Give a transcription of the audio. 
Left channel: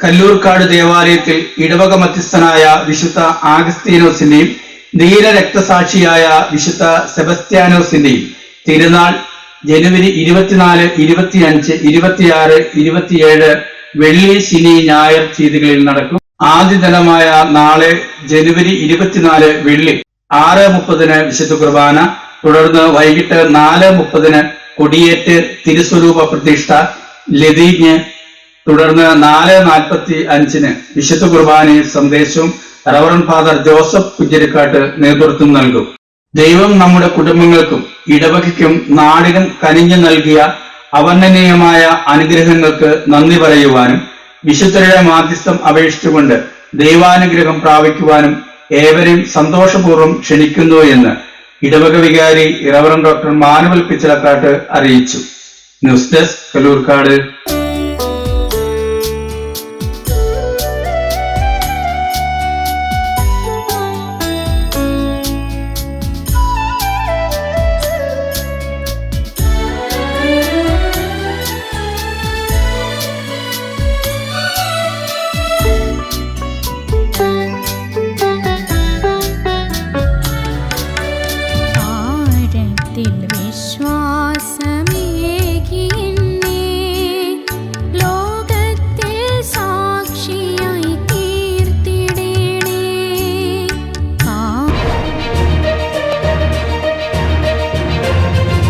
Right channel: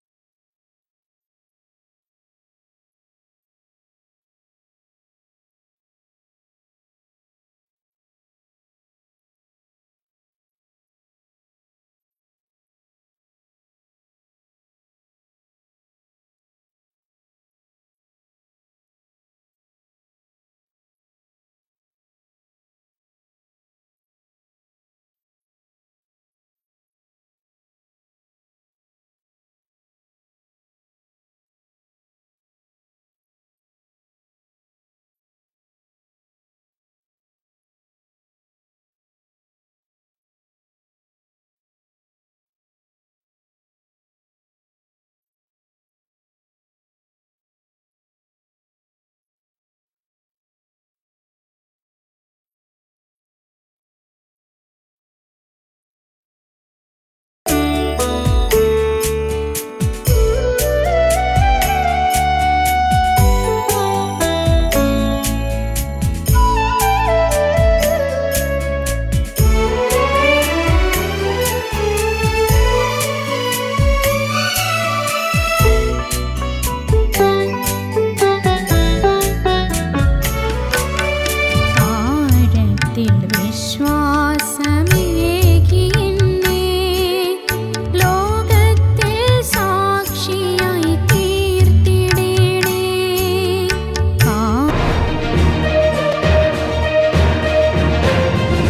കല്ലൂർക്കാട് ദേവാലയത്തിൽ ഇടവക മധ്യസ്ഥനായ വിശുദ്ധ ആഗസ്തീനോസിന്റെയും ധീര രക്തസാക്ഷിയായ വിശുദ്ധ സെബസ്ത്യാനോസിന്റെയും തിരുനാൾ ജനുവരി 24, 25, 26, 27 വെള്ളി, ശനി, ഞായർ തീയതികളിൽ നടക്കും. ആദ്യ ദിനമായ നാളെ ജനുവരി 24 വെള്ളി 6:30 വിശുദ്ധ കുർബാന, തുടർന്ന് വൈകിട്ട് 4:30 കൊടിയേറ്റ് തിരുസ്വരൂപ പ്രതിഷ്ഠ ലതീഞ്ഞ്, തുടർന്ന് 4:45 വിശുദ്ധ കുർബാനയിൽ സന്ദേശവും റവറൻ ഫാദർ ജോസഫ് കുഞ്ഞിരിക്കാട്ട് നേതൃത്വം നൽകും. ദൈവം നമ്മുടെ കുടുംബങ്ങൾക്കും ഇടവകയ്ക്കും നാടിനും കനിഞ്ഞു നൽകിയ അവർണ്ണനീയമായ അനുഗ്രഹങ്ങൾക്ക് നന്ദി പറയുവാനും വിശുദ്ധരുടെ മാധ്യസ്ഥം അപേക്ഷിച്ചുകൊണ്ട് ദൈവാനുഗ്രഹം പ്രാപിക്കുവാനും ഏവരെയും സന്തോഷപൂർവ്വം ക്ഷണിക്കുന്നു എന്ന് ഇടവക വികാരി റവറൻ ഡോക്ടർ മാനുവൽ പിച്ചളക്കാട്ട് അറിയിച്ചു. News desk, Kallurkad.